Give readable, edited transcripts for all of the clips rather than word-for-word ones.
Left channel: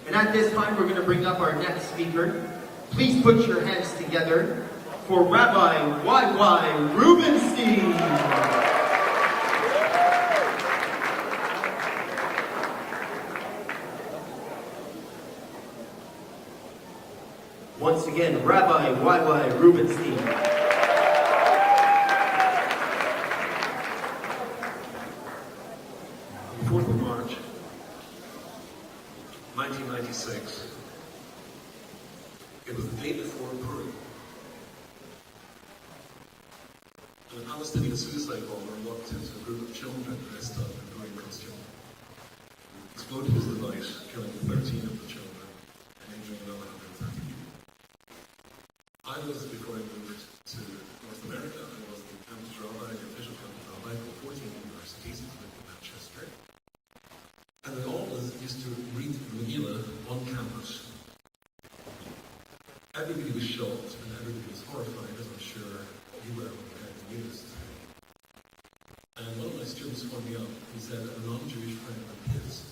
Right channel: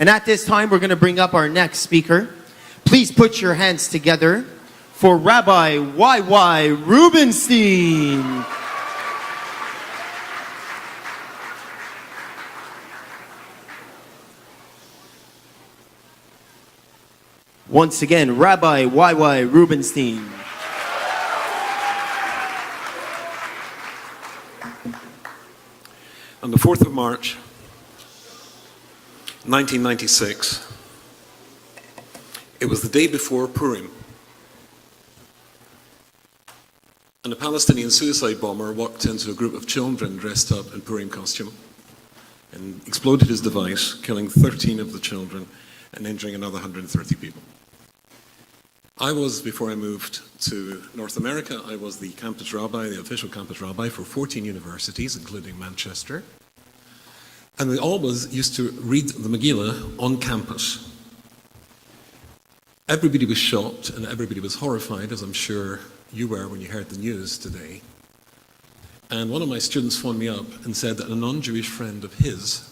And at this time, we're going to bring up our next speaker. Please put your hands together for Rabbi Y.Y. Rubenstein. Once again, Rabbi Y.Y. Rubenstein. On the 4th of March, 1996, it was the day before Purim, and a Palestinian suicide bomber walked into a group of children dressed up in Purim costume and exploded his device, killing 13 of the children and injuring another 130 people. I was, before I moved to North America, I was the campus rabbi, the official campus rabbi for 14 universities, including Manchester. And we always used to read the Megillah on campus. Everybody was shocked and everybody was horrified, as I'm sure you were when you heard the news today. And one of my students phoned me up and said that a non-Jewish friend of his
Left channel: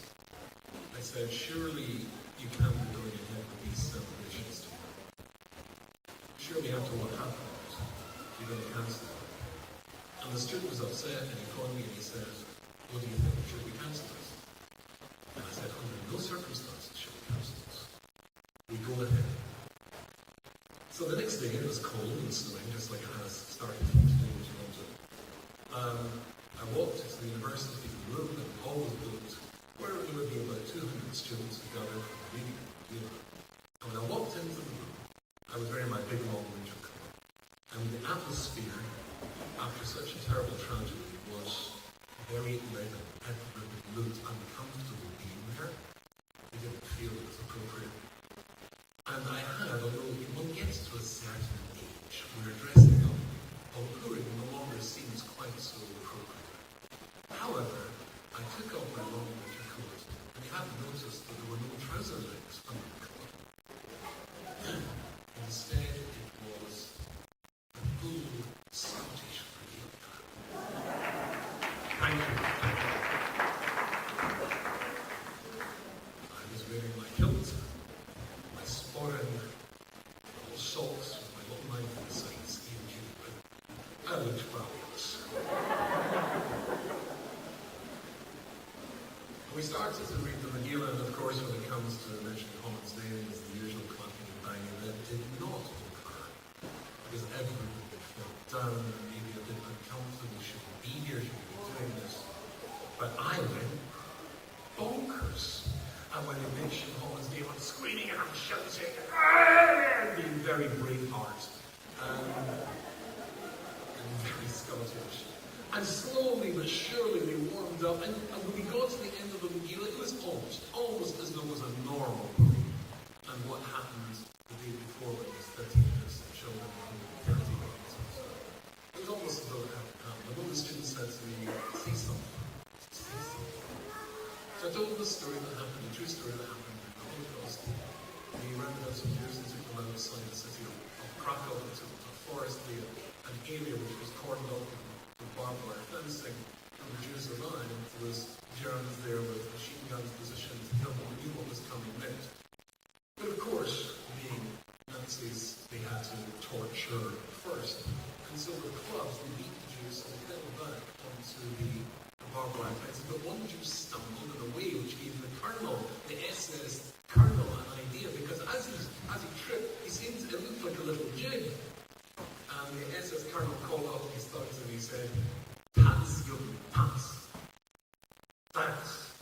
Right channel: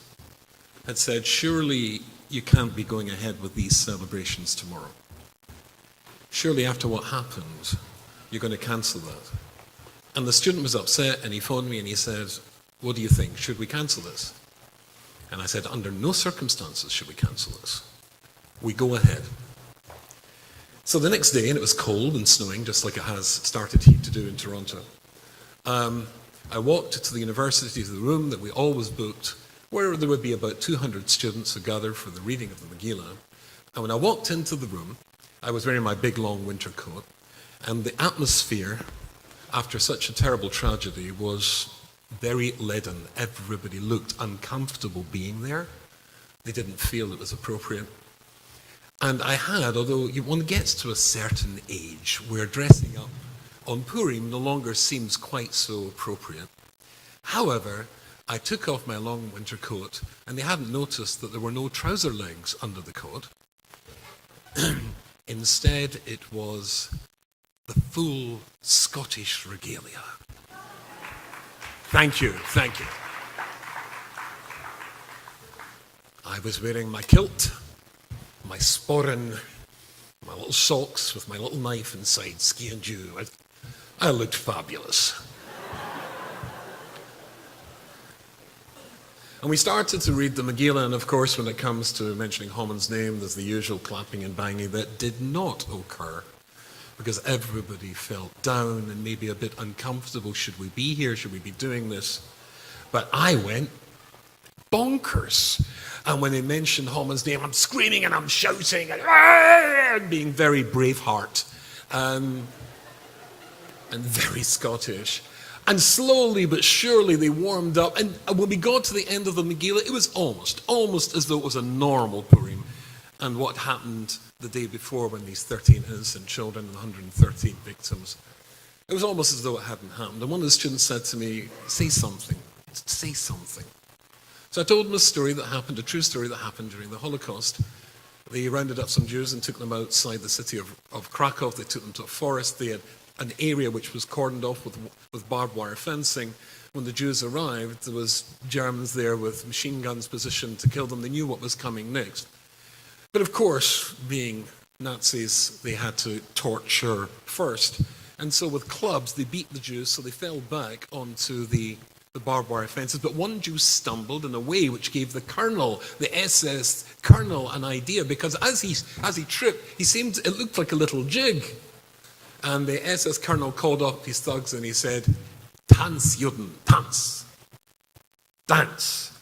had said, surely you can't be going ahead with these celebrations tomorrow. Surely after what happened, you're going to cancel that. And the student was upset and he phoned me and he said, what do you think? Should we cancel this? And I said, under no circumstances should we cancel this. We go ahead. So the next day, and it was cold and snowing, just like it has started to do in Toronto, I walked to the university, to the room that we always booked, where there would be about 200 students who gathered for the reading of the Megillah. And when I walked into the room, I was wearing my big long winter coat, and the atmosphere after such a terrible tragedy was very leaden. Everybody looked uncomfortable being there. They didn't feel it was appropriate. And I had, although one gets to a certain age where dressing up on Purim no longer seems quite so appropriate. However, I took off my long winter coat, and they hadn't noticed that there were no trouser legs under the coat. Instead, it was the full Scottish regalia. Thank you, thank you. I was wearing my kilt, my sporran, my little socks with my little knife inside, ski and dew. I looked fabulous. And we started to read the Megillah, and of course when it comes to mentioning Haman's name, there's the usual clapping and banging that did not occur, because everybody felt down and maybe a bit uncomfortable. Should we be here? Should we be doing this? But I went bonkers. And when they mentioned Haman's name, I'm screaming and I'm shouting and being very Braveheart and very Scottish. And slowly but surely they warmed up. And when we got to the end of the Megillah, it was almost as though it was a normal Purim. And what happened the day before when these 13 innocent children and 113 victims, it was almost as though it hadn't happened. And one of the students said to me, say something, say something. So I told them a story that happened, a true story that happened during the Holocaust. They rounded up some Jews and took them outside the city of Krakow. They took them to a forest. They had an area which was cordoned off with barbed wire fencing. When the Jews arrived, there was Germans there with machine guns positioned to kill them. They knew what was coming next. But of course, being Nazis, they had to torture first. And so with clubs, they beat the Jews, so they fell back onto the barbed wire fences. But one Jew stumbled in a way which gave the colonel, the SS colonel, an idea, because as he tripped, it looked like a little jig. And the SS colonel called up his thugs and he said, Tanz, Juden, tanz. Dance.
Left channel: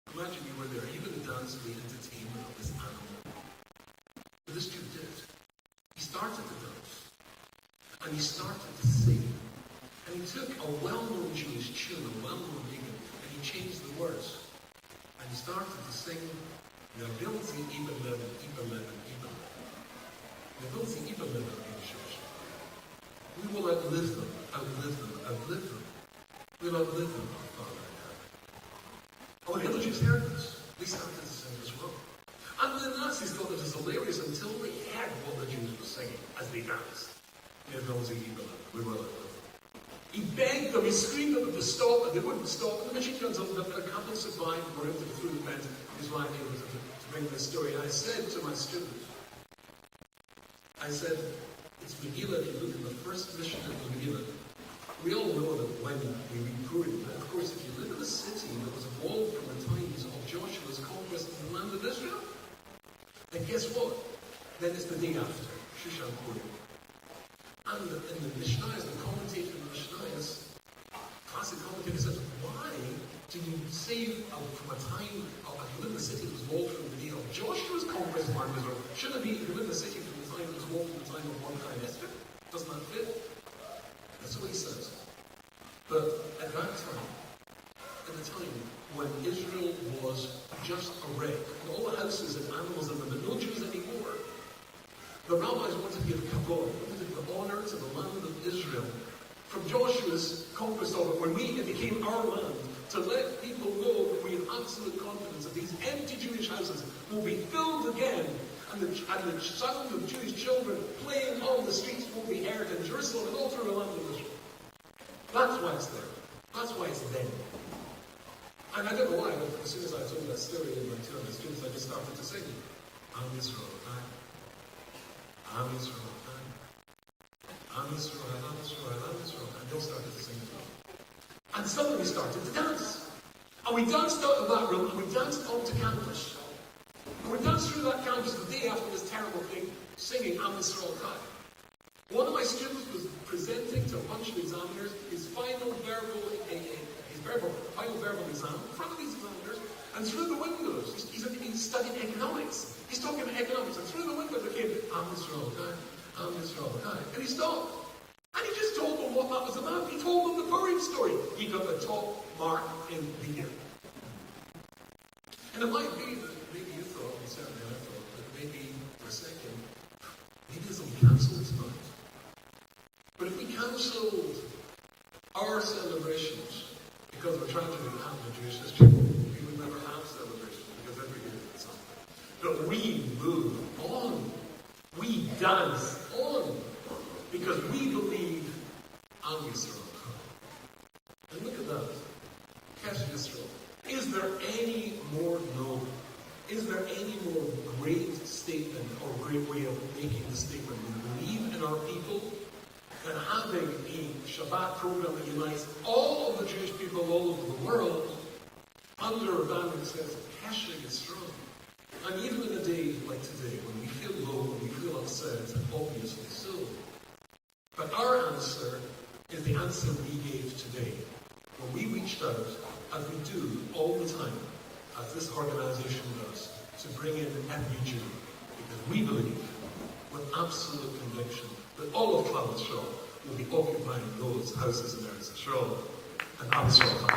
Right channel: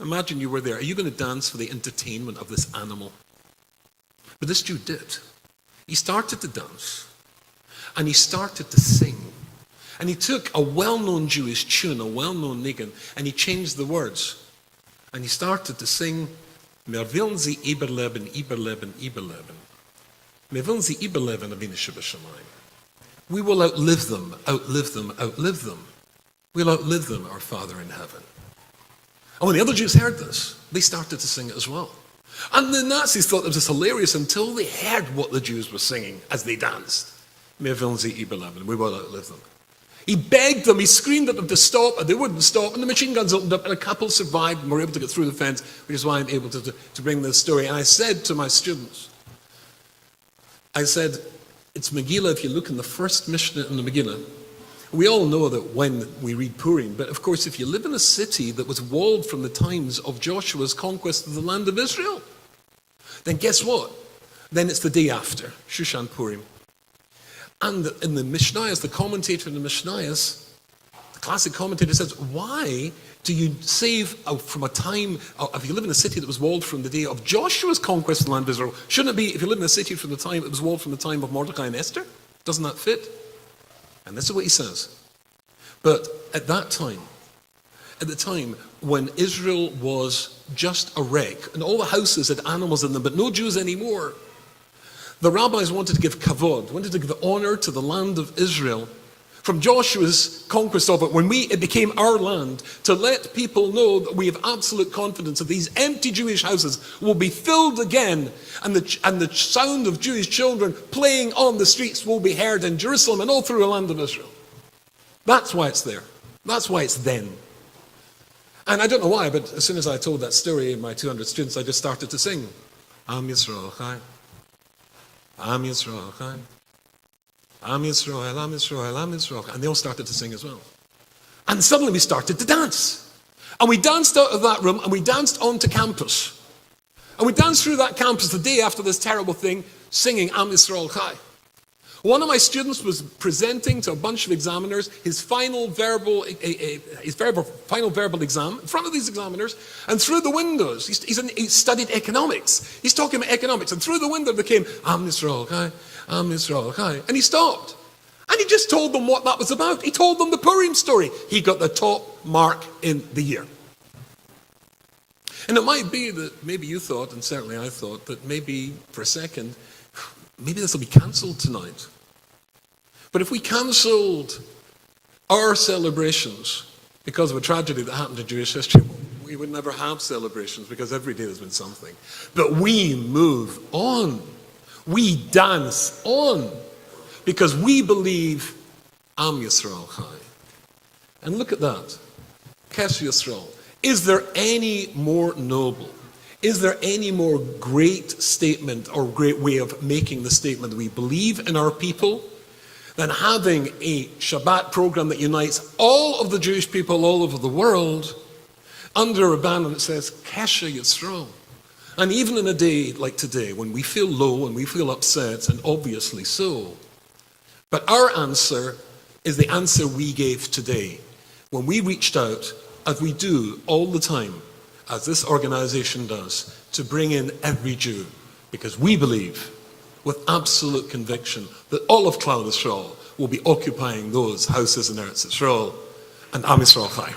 Imagine you were there. Are you going to dance for the entertainment of this animal? But this Jew did. He started to dance. And he started to sing. And he took a well-known Jewish tune, a well-known nigun, and he changed the words. And he started to sing, Wir wollen sie überleben, überleben, überleben. Wir wollen sie überleben, Avinu Shabbat. We will outlive them, outlive them, outlive them. We'll outlive them, our Father in heaven. And when the other Jews heard this, they started to sing it as well. And the Nazis thought it was hilarious until they heard what the Jews were singing as they danced. Wir wollen sie überleben. We will outlive them. He begged them, he screamed at them to stop, and they wouldn't stop, and the machine guns opened up, and a couple survived and were able to get through the fence, which is why I'm able to bring this story. And I said to my students, I said, it's Megillah, if you look in the first Mishnah in the Megillah, we all know that when we read Purim, but of course if you live in a city that was walled from the times of Joshua's conquest of the land of Israel, then guess what? Then it's the day after, Shushan Purim. And in the Mishnayos, the commentator in the Mishnayos, the classic commentator says, why do you save from a time, if you live in a city that was walled from the day of Joshua's conquest of the land of Israel, shouldn't it be if you live in a city from the time it was walled from the time of Mordecai and Esther? Doesn't that fit? And this is what he says. But at that time, at the time when Israel was just a wreck, and all the houses had animals in them, but no Jews anymore, the rabbis wanted to give kavod, wanted to give honor to the land of Israel from Joshua's conquest of it, when it became our land, to let people know that we have absolute confidence that these empty Jewish houses will be filled again, and the sound of Jewish children playing on the streets will be heard in Jerusalem and all through the land of Israel. That's why it's there. That's why it's then. And I don't know why, but as soon as I told that story, my 200 students, I just started to sing, Am Yisrael Chai. Am Yisrael Chai. Am Yisrael, Am Yisrael, Am Yisrael. And they all started to sing as well. And suddenly we started to dance. And we danced out of that room and we danced onto campus. And we danced through that campus the day after this terrible thing, singing Am Yisrael Chai. One of my students was presenting to a bunch of examiners his final verbal exam in front of these examiners, and through the windows, he studied economics. He's talking about economics, and through the window there came Am Yisrael Chai, Am Yisrael Chai, and he stopped. And he just told them what that was about. He told them the Purim story. He got the top mark in the year. And it might be that maybe you thought, and certainly I thought, that maybe for a second, maybe this will be cancelled tonight. But if we cancelled our celebrations because of a tragedy that happened in Jewish history, we would never have celebrations because every day there's been something. But we move on. We dance on because we believe Am Yisrael Chai. And look at that. Kesh Yisrael. Is there any more noble? Is there any more great statement or great way of making the statement that we believe in our people than having a Shabbat program that unites all of the Jewish people all over the world under a banner that says Kesha Yisrael? And even in a day like today, when we feel low and we feel upset, and obviously so, but our answer is the answer we gave today when we reached out, as we do all the time, as this organization does, to bring in every Jew, because we believe with absolute conviction that all of Klal Yisrael will be occupying those houses in Eretz Yisrael, and Am Yisrael Chai.